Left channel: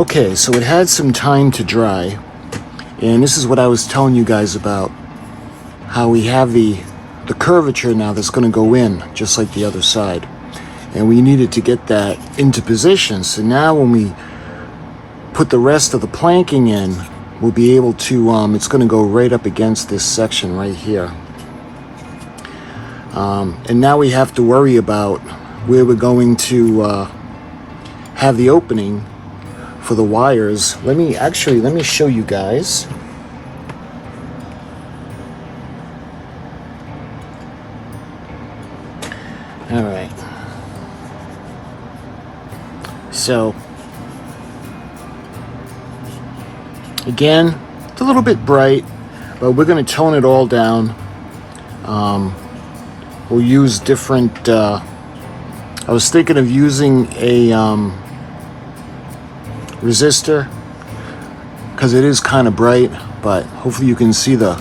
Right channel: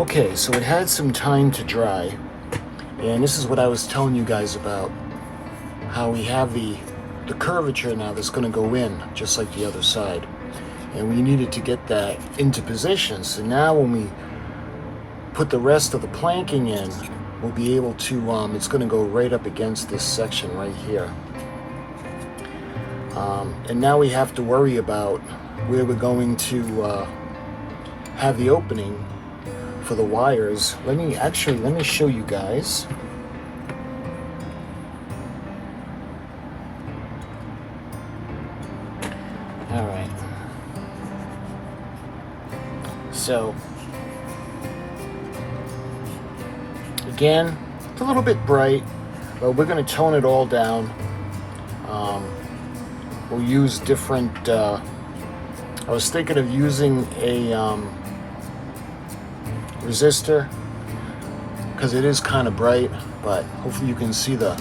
Okay, so it had some time to dry, and this is what I was telling you guys about, how we have the curvature now that's going to go in, just like the other side. And we needed to get that into position, so now when we put the rest of the planking in, we'll be able to, it's going to go right up against this section right here. And now we have to worry about where we're going to have the opening for the wires. Let me show you guys. All right. So again, it's a little bit bright, but we're going to tone it all down. We'll use different, I was thinking of using a resistor, because it is kind of bright, but hopefully you can see the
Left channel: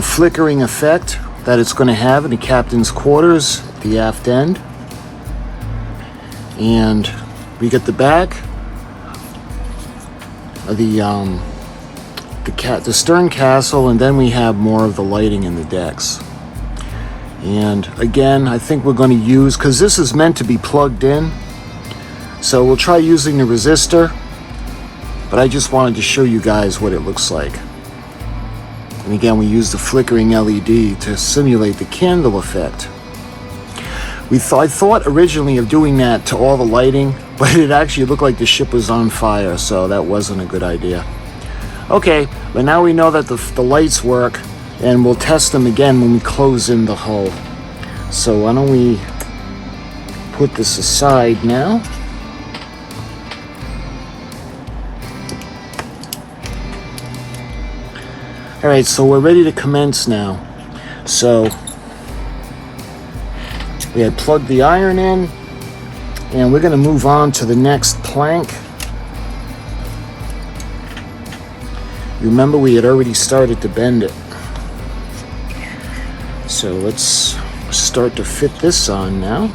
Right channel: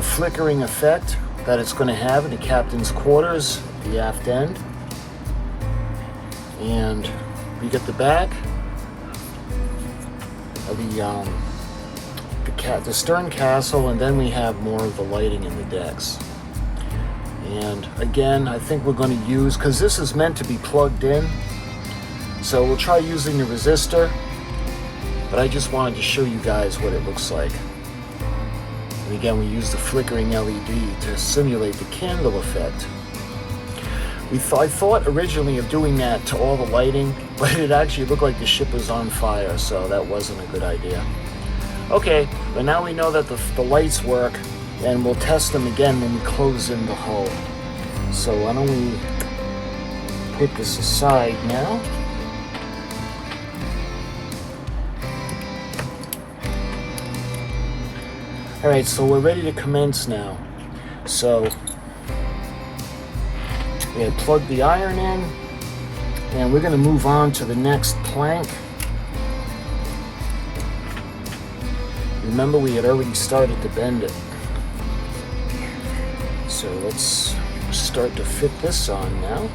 flickering effect that it's going to have in the captain's quarters, the aft end. And we get the back of the stern castle, and then we have more of the lighting in the decks. And again, I think we're going to use, because this is meant to be plugged in, so we'll try using the resistor, but I just wanted to show you guys what it looks like. And again, we use the flickering LED to simulate the candle effect. I thought originally of doing that to all the lighting, but it actually looked like the ship was on fire, so that wasn't a good idea. Okay, but now we know that the lights work, and we'll test them again when we close in the hull. So why don't we put this aside now. All right, so we're ready to commence now. So we had plugged the iron in, and we're going to move on to the next plank. Remember, we had already started to bend it. So let's start to fit this on now.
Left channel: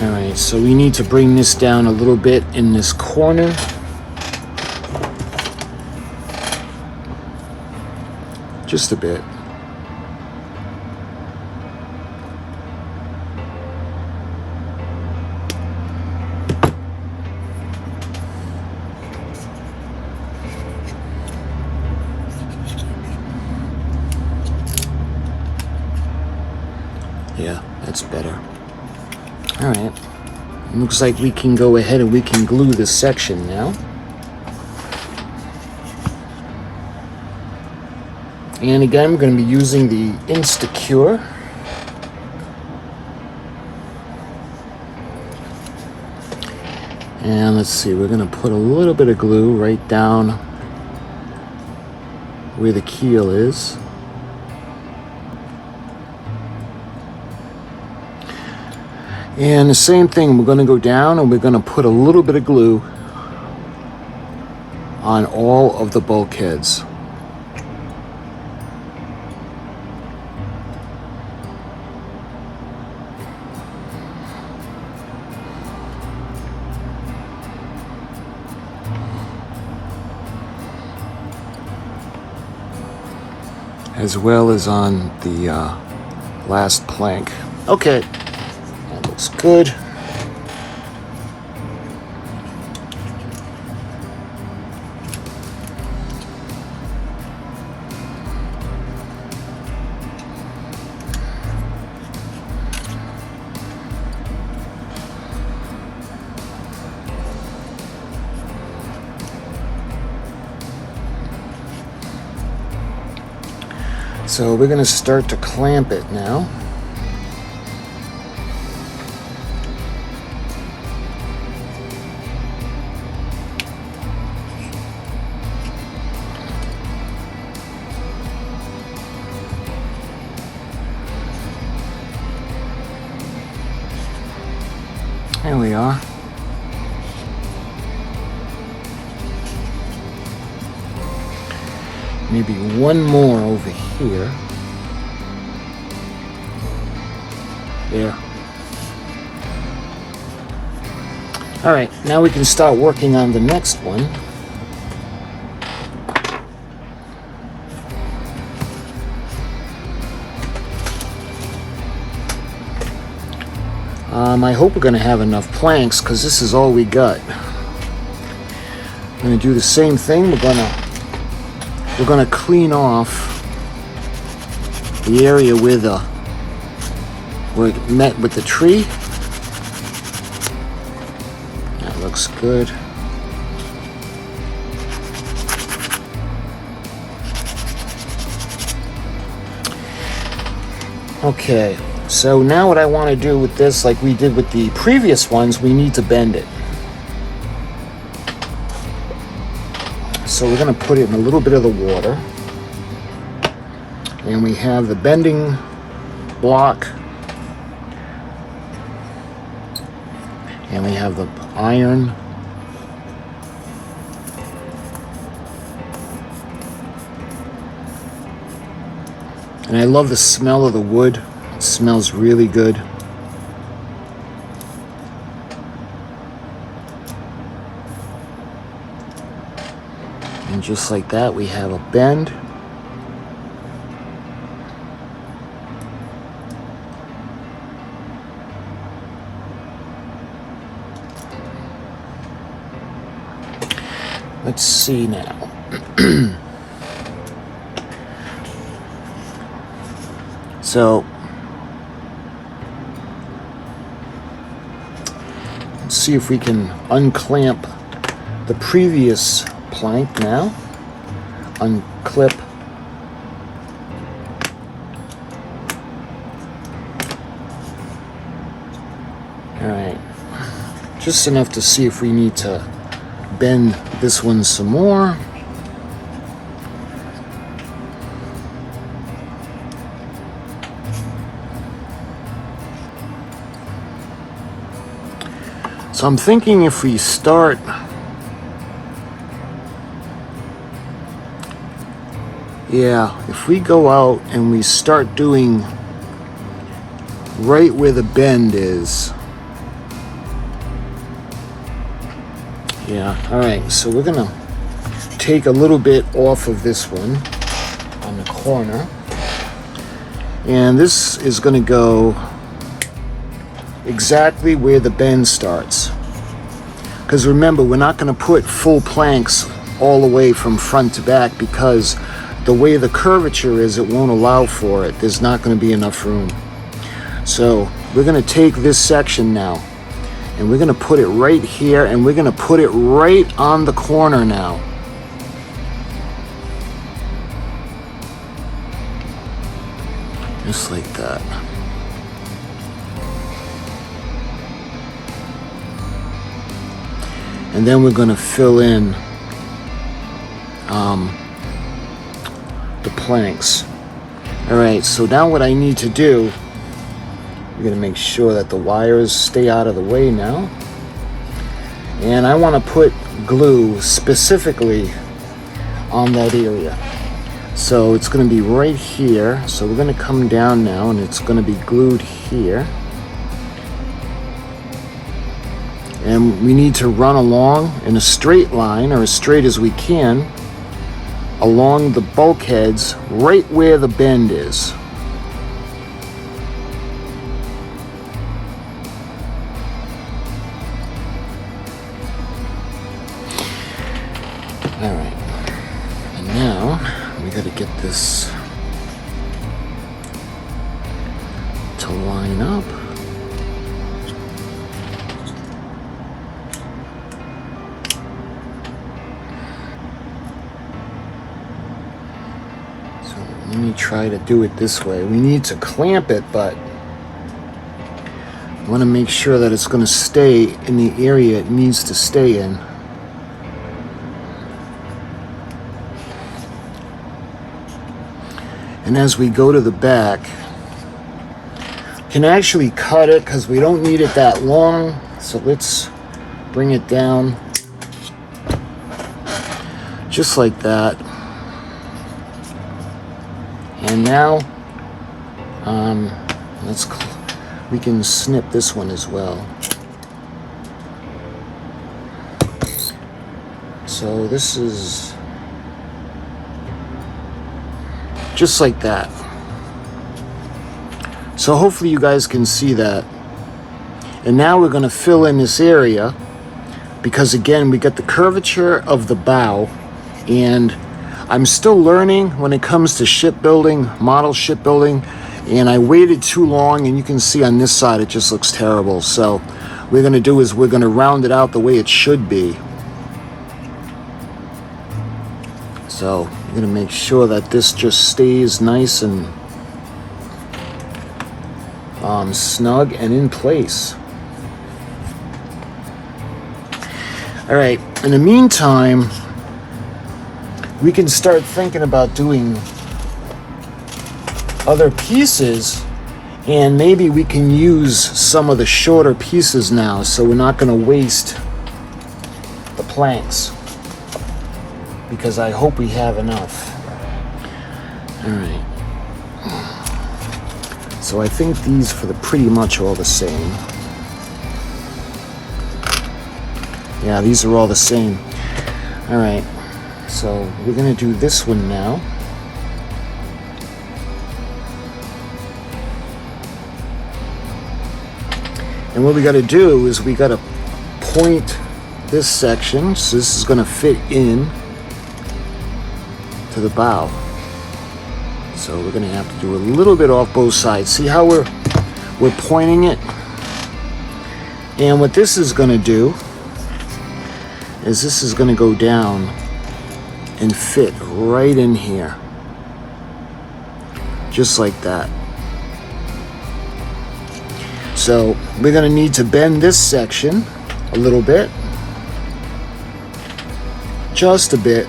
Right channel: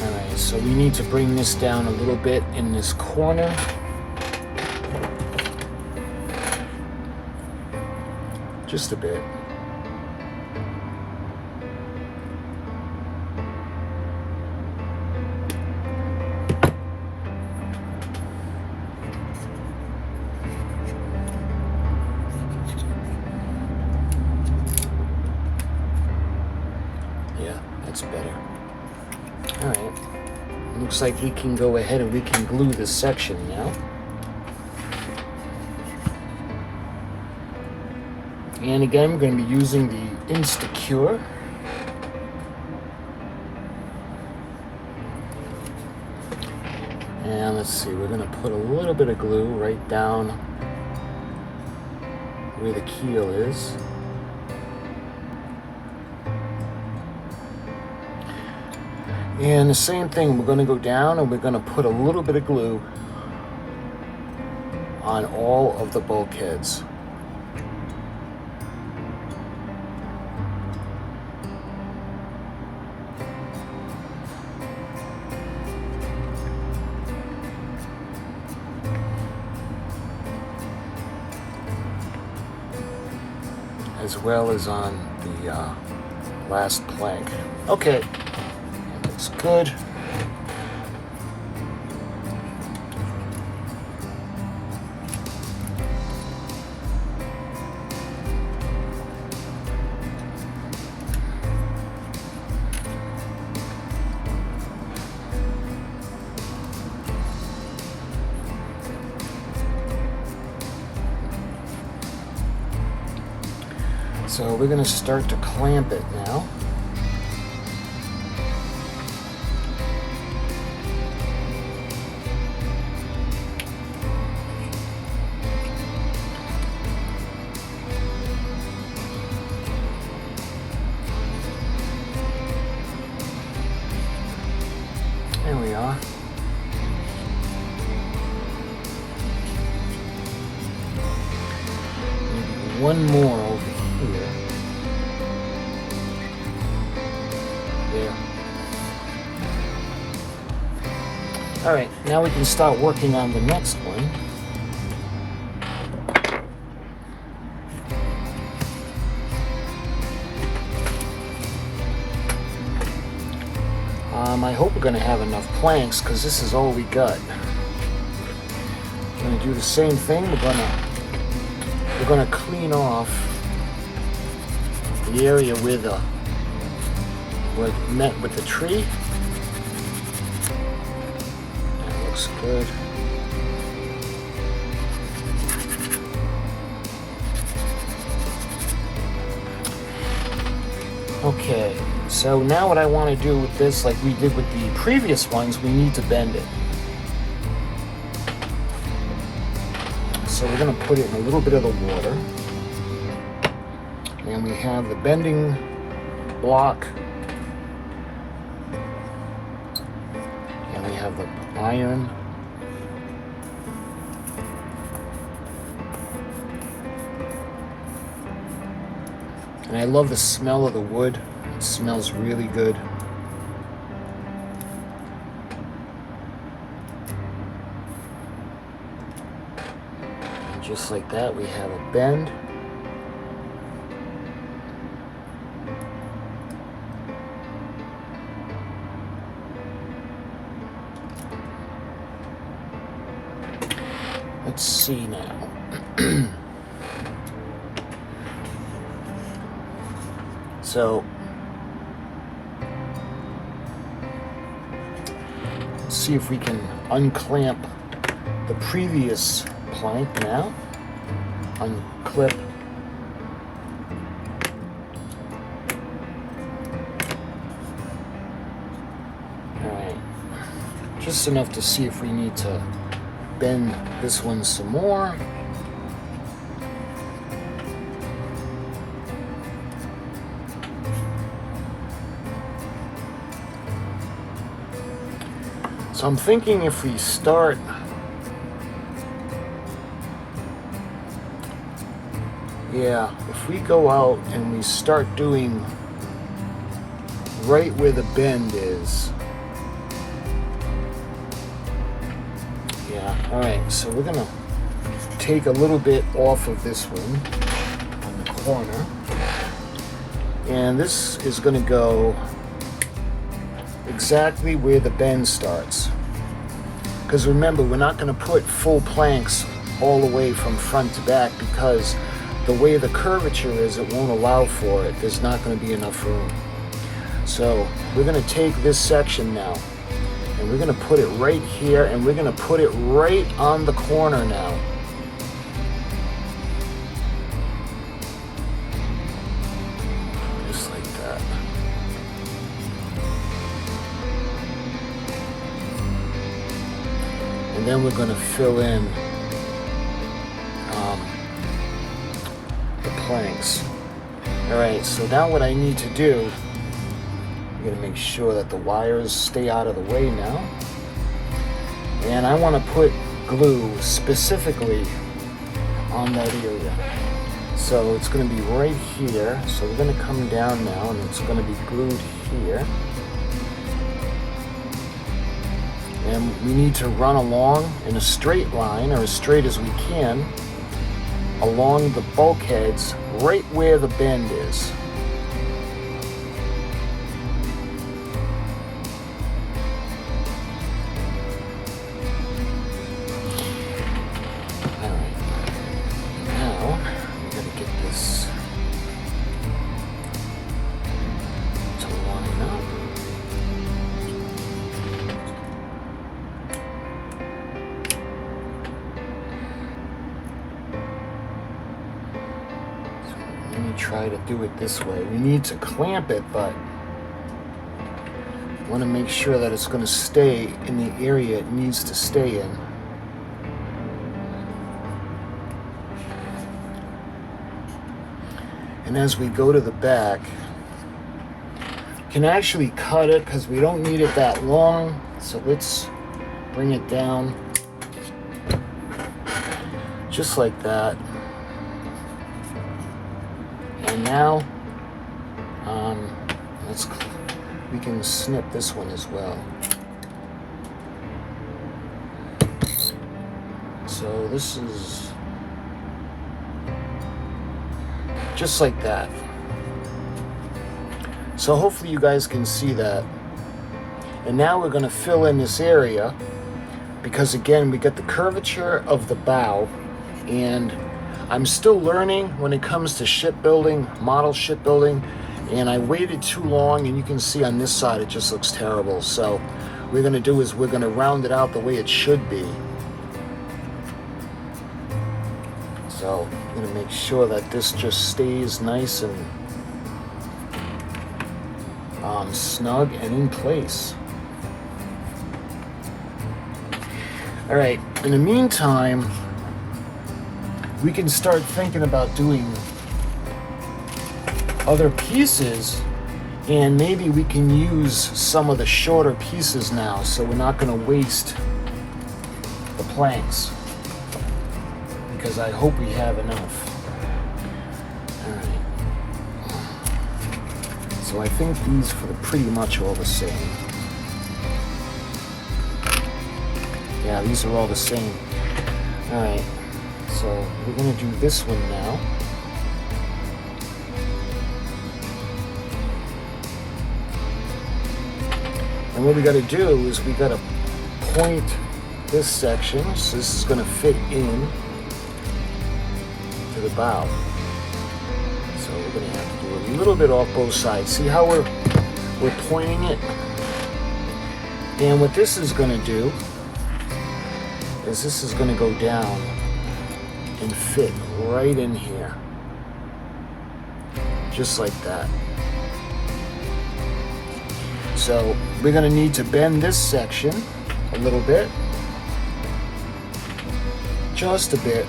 Alright, so we need to bring this down a little bit in this corner. Just a bit. Yeah, that's better. Alright, looks like we can go ahead and we can glue this section now. And again, we're going to be using the Instacure. And let's see, we're going to put a little bit of glue right down where the keel is. And the same thing, we're going to go down and we're going to put a little bit of glue on all of the bulkheads. As well as on the last plank. Okay. Looks good. So we're going to start to clamp it now. Maybe one more over here. There. All right, now we can start working on the next one. I hope we're going to have enough planks because this is all we got. We're going to do the same thing. We're going to clean off the area where it met with the tree. That looks good. Okay. So now what I want to do with this, like we did with the previous ones, we need to bend it. So we're going to put it in a little bit of the water. And we have the bending block. And we have the iron. And I love the smell of the wood. It smells really good. And just like that, we have a bend. Let's see now. So let's see if we can unclamp the previous plank now. Unclip. All right. Just enough to see if we need to bend this one some more. So I'm thinking if we start if we go out and we start doing right where the bend is. All right, so we're gonna take a little bit off of this one on the corner, and this is gonna go exactly where the bend starts. Because remember, we're not going to put full planks all the way from front to back because the way the curvature is, it won't allow for it. There's not going to be enough room. So we're going to take this section now and we're going to put it right here, and we're going to put it right on the corner now. Just like that. And then we're going to fill in the planks. Alright, so now what I need to do, I'm going to make sure that the wires stay out of the way now. And I want to put glue specifically on that area. So it's going to be right here. So we're going to come down now and it's going to be glued here. And we need to run along in a straight line, or as straight as we can, along the bulkheads right where the bend is. Alright, and now we gotta get this to line up. Let me try to do it this way. We need to clamp it, but I want to make sure that it's going to stay in the area it needs to stay in. And as we go to the back, can actually cut it because we don't need it that long. So let's bring it down just like that. And now, we can snip this one as well. So this is just like that. So hopefully you guys can see that. And now we're going to fill in this area, because again, we got the curvature of the bow, and I'm still learning when it comes to shipbuilding, model shipbuilding, and I waited too long, and you can see on this side it just looks terrible. So what we're going to do is we're going to round it out the way it should be. So we're going to make sure that this just stays nice and snug and in place. All right, in the meantime, we can start thinking about doing other pieces, and maybe we can use some of the shorter pieces now, so we're not going to waste the planks, because I hope we have enough. All right. So I think these for the pretty much all the same. Yeah, these are all the same. All right, so we're gonna do this one now. And what we gotta do is we gotta point this section, so this is gonna fit in to the bow. So we're gonna have to do a little bit off both sides. See how we're pointing it? And what this is gonna do is this is gonna go down and fit right in here. Just like that. So we're gonna need to bend this section a little bit. Just a bit.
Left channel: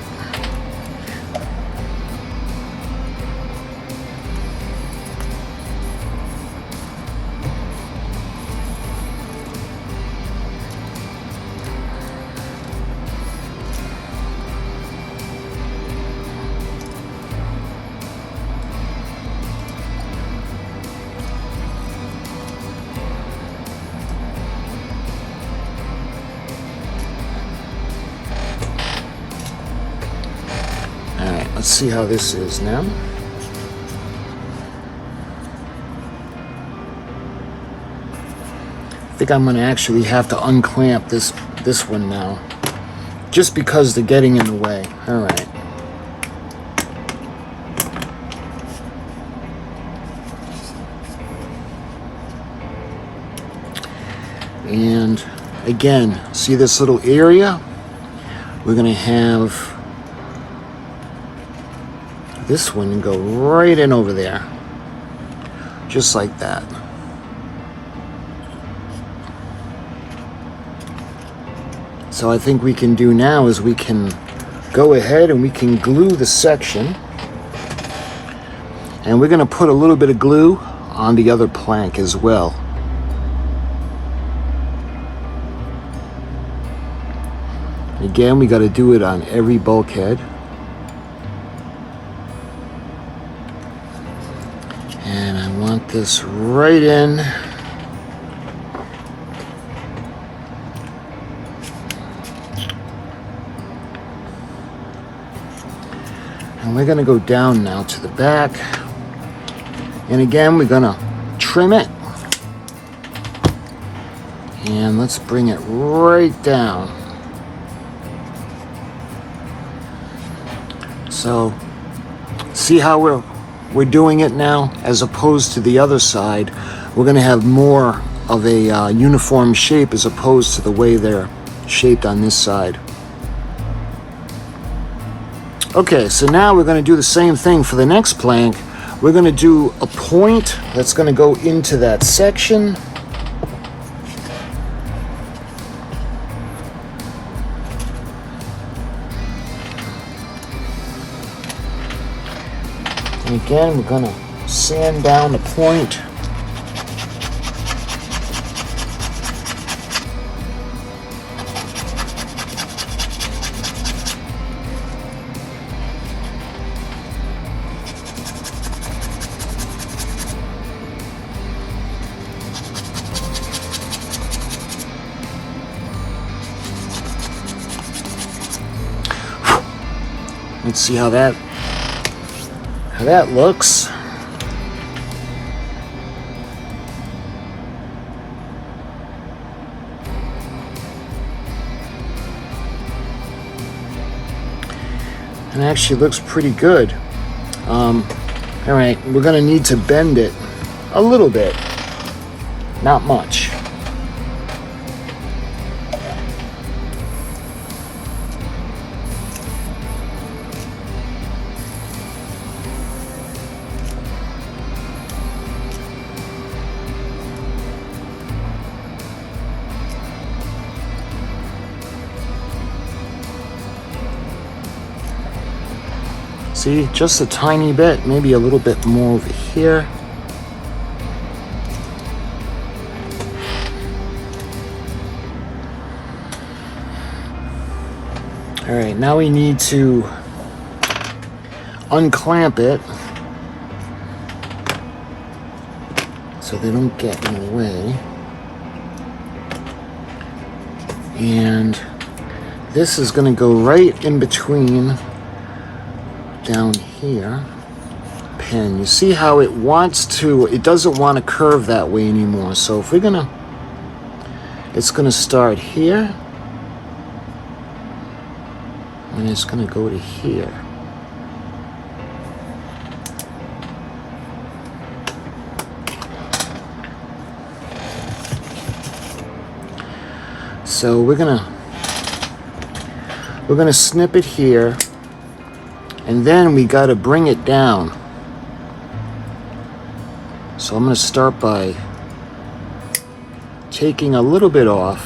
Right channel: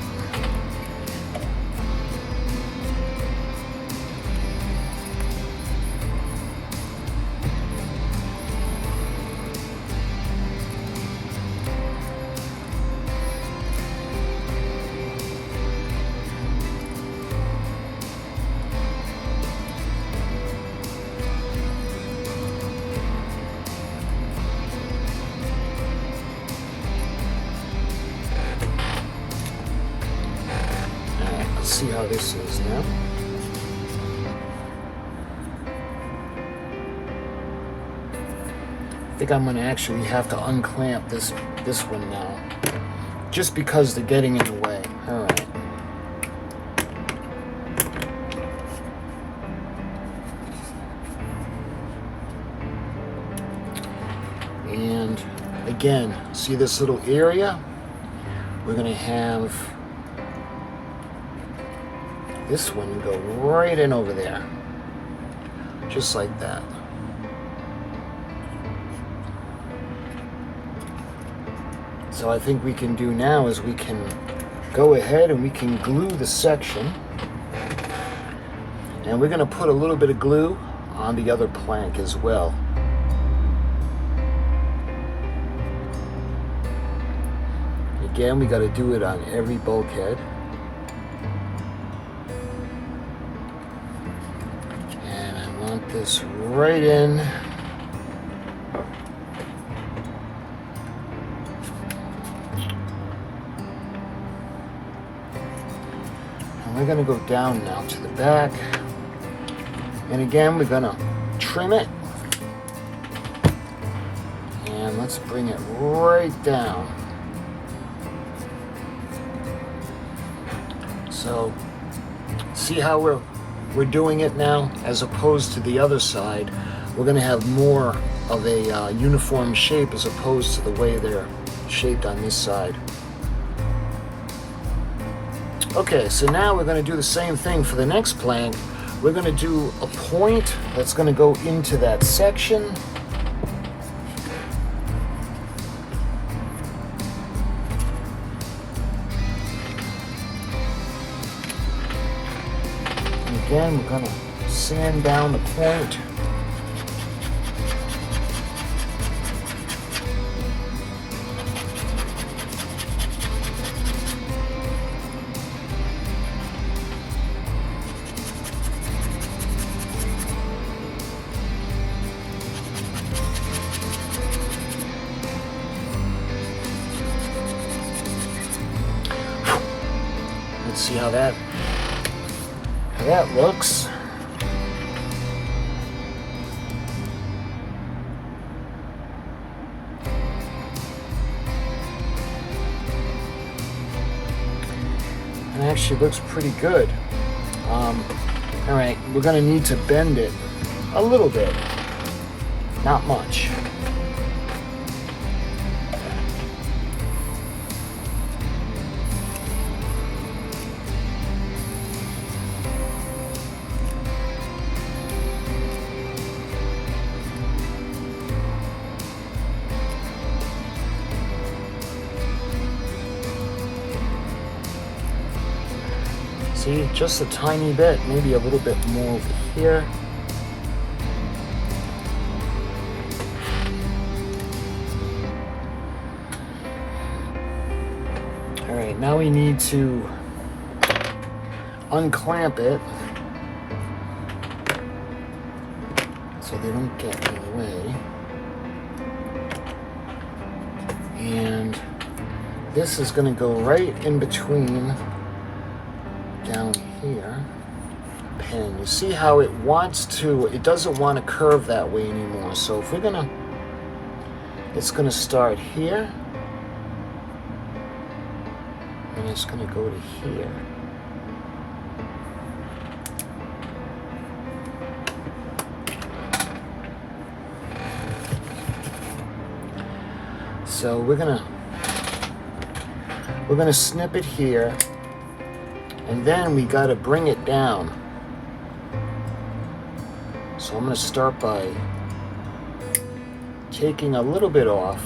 Let's see how this is now. I think I'm going to actually have to unclamp this one now, just because they're getting in the way. All right. And again, see this little area? We're going to have this one go right in over there, just like that. So I think we can do now is we can go ahead and we can glue the section, and we're going to put a little bit of glue on the other plank as well. Again, we got to do it on every bulkhead. This right in. And we're going to go down now to the back. And again, we're going to trim it. And let's bring it right down. So, see how we're doing it now, as opposed to the other side. We're going to have more of a uniform shape as opposed to the way they're shaped on this side. Okay, so now we're going to do the same thing for the next plank. We're going to do a point that's going to go into that section. Again, we're going to sand down the point. Let's see how that looks. It actually looks pretty good. All right, we're gonna need to bend it a little bit, not much. See, just a tiny bit, maybe a little bit more over here. All right, now we need to unclamp it so they don't get in the way. And this is going to go right in between down here. Pen, you see how it wants to, it doesn't want to curve that way anymore. So if we're gonna, it's gonna start here and it's gonna go to here. So we're gonna snip it here. And then we got to bring it down. So I'm going to start by taking a little bit off.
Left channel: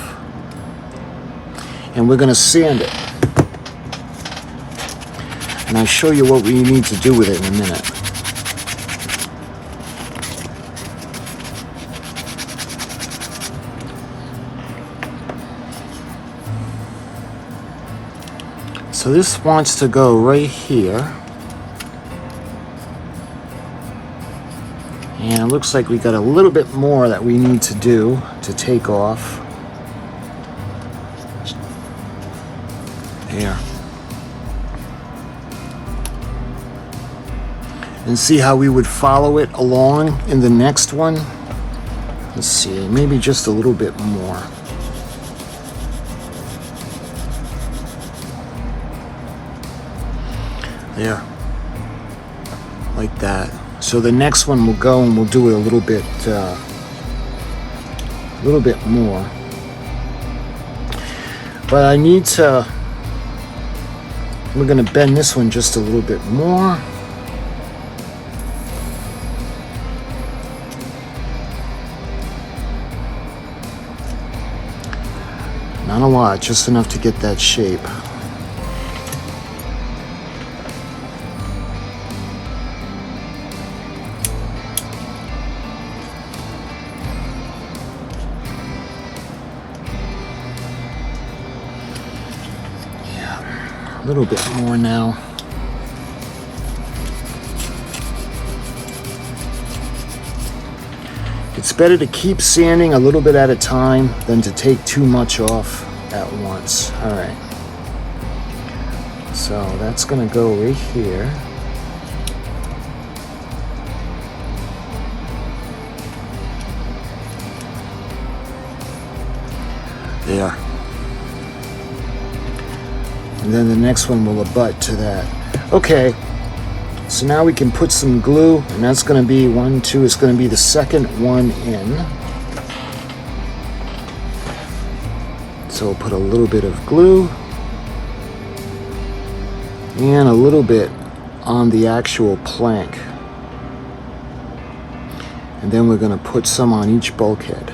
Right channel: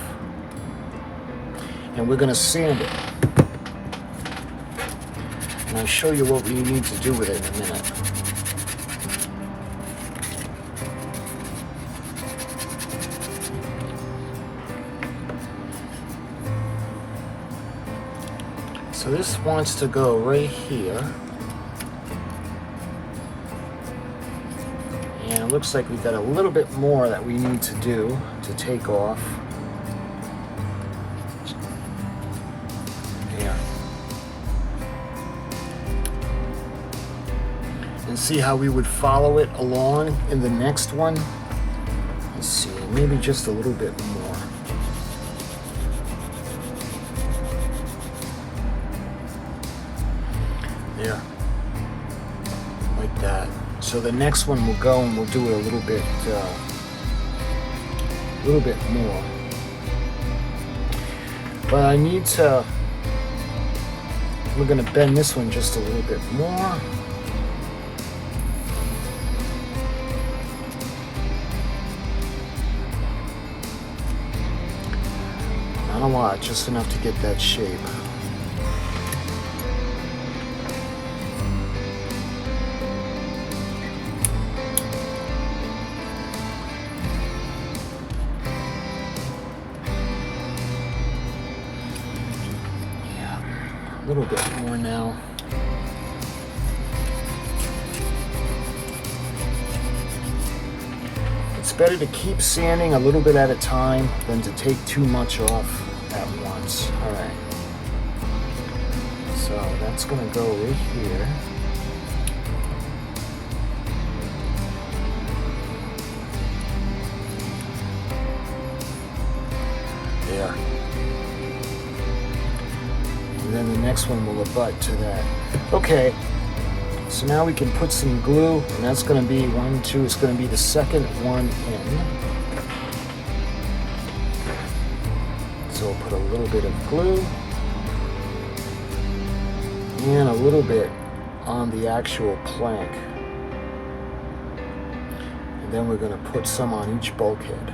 And we're going to sand it. And I'll show you what we need to do with it in a minute. So this wants to go right here. And it looks like we got a little bit more that we need to do to take off. There. And see how we would follow it along in the next one? Let's see, maybe just a little bit more. There, like that. So the next one we'll go and we'll do it a little bit more. But I need to, we're gonna bend this one just a little bit more. Not a lot, just enough to get that shape. A little bit more now. It's better to keep sanding a little bit at a time than to take too much off at once. All right. So that's going to go right here. There. And then the next one will abut to that. Okay, so now we can put some glue, and that's going to be 1, 2, it's going to be the second one in. So we'll put a little bit of glue and a little bit on the actual plank. And then we're going to put some on each bulkhead.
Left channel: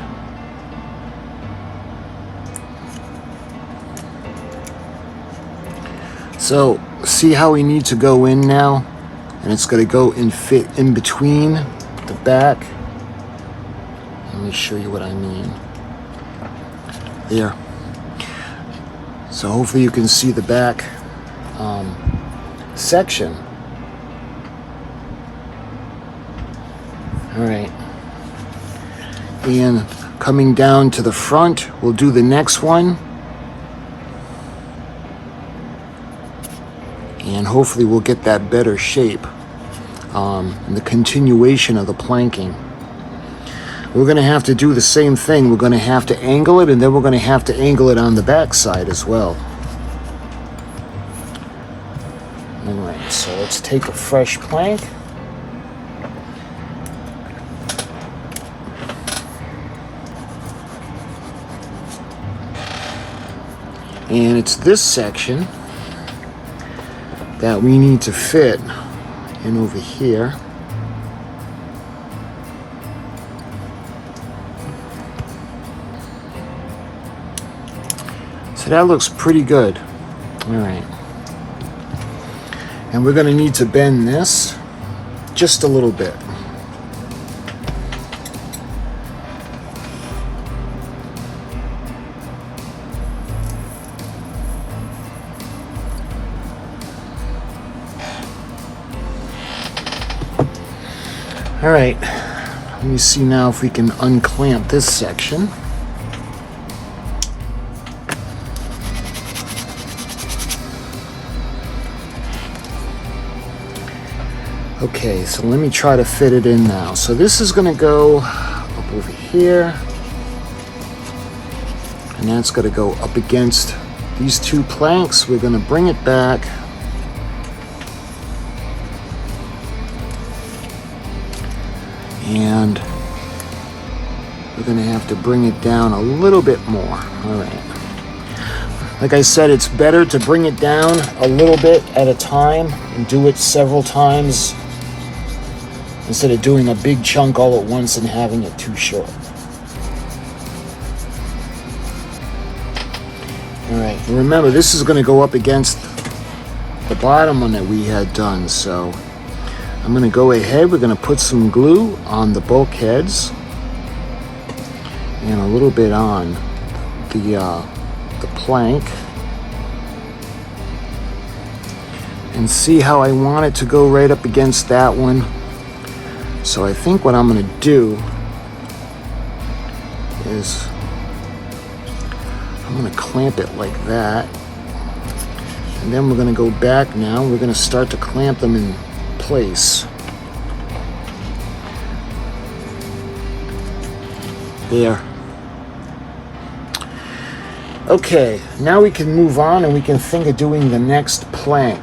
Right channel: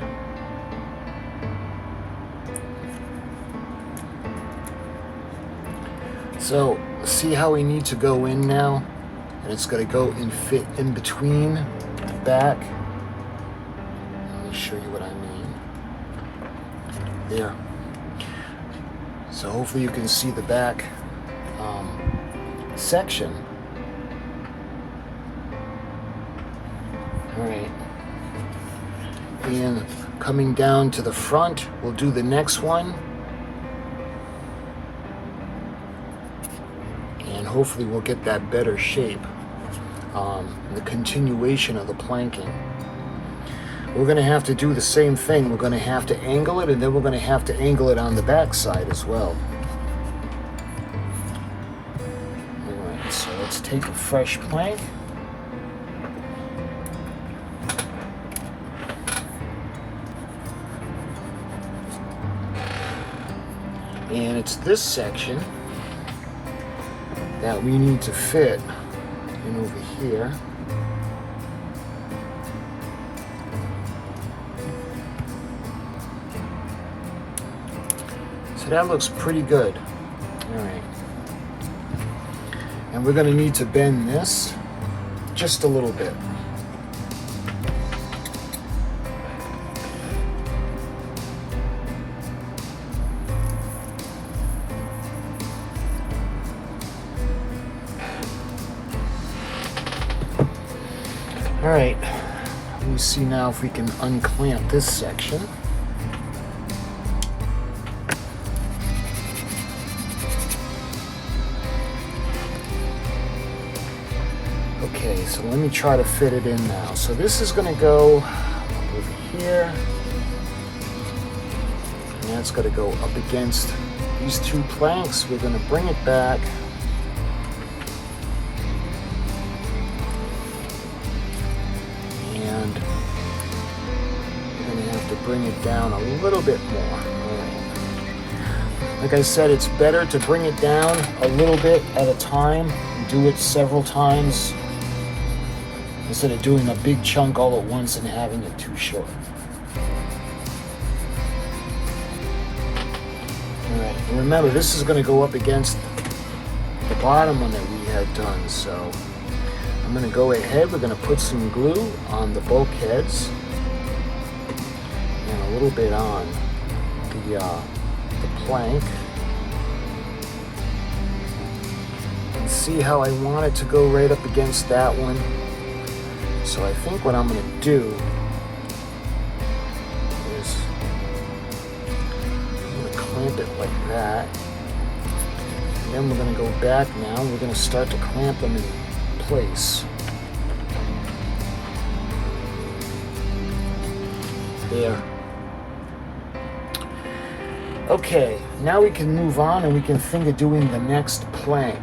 So see how we need to go in now? And it's going to go and fit in between the back. Let me show you what I mean. There. So hopefully you can see the back section. All right. And coming down to the front, we'll do the next one. and hopefully we'll get that better shape, and the continuation of the planking. We're going to have to do the same thing. We're going to have to angle it, and then we're going to have to angle it on the back side as well. All right, so let's take a fresh plank. And it's this section that we need to fit in over here. So that looks pretty good. All right. And we're going to need to bend this just a little bit. All right, let me see now if we can unclamp this section. Okay, so let me try to fit it in now. So this is going to go up over here, and that's going to go up against these two planks. We're going to bring it back. And you're going to have to bring it down a little bit more. All right. Like I said, it's better to bring it down a little bit at a time and do it several times instead of doing a big chunk all at once and having it too short. All right. And remember, this is going to go up against the bottom one that we had done, so I'm going to go ahead, we're going to put some glue on the bulkheads and a little bit on the plank, and see how I want it to go right up against that one. So I think what I'm going to do is I'm going to clamp it like that, and then we're going to go back now. We're going to start to clamp them in place. There. Okay, now we can move on and we can think of doing the next plank.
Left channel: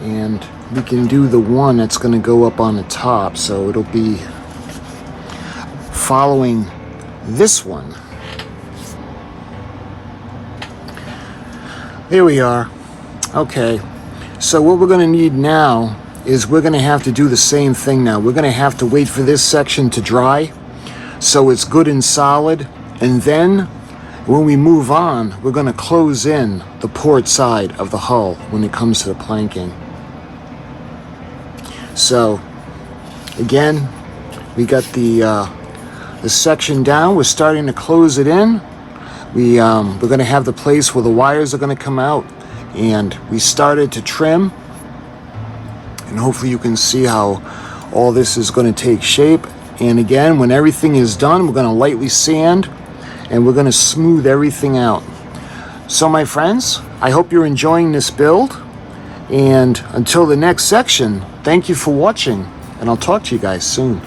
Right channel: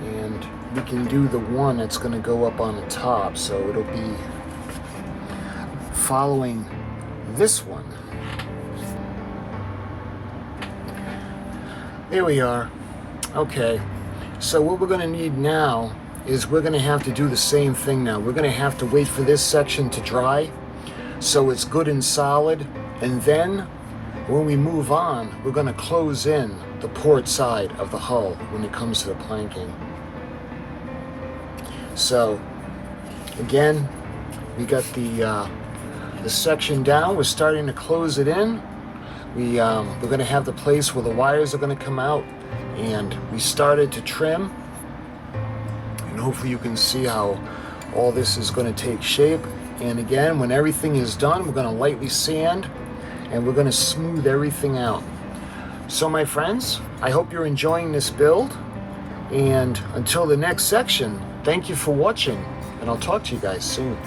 And we can do the one that's going to go up on the top, so it'll be following this one. There we are. Okay, so what we're going to need now is we're going to have to do the same thing now. We're going to have to wait for this section to dry so it's good and solid, and then when we move on, we're going to close in the port side of the hull when it comes to the planking. So again, we got the section down. We're starting to close it in. We're going to have the place where the wires are going to come out, and we started to trim, and hopefully you can see how all this is going to take shape. And again, when everything is done, we're going to lightly sand and we're going to smooth everything out. So my friends, I hope you're enjoying this build, and until the next section, thank you for watching, and I'll talk to you guys soon.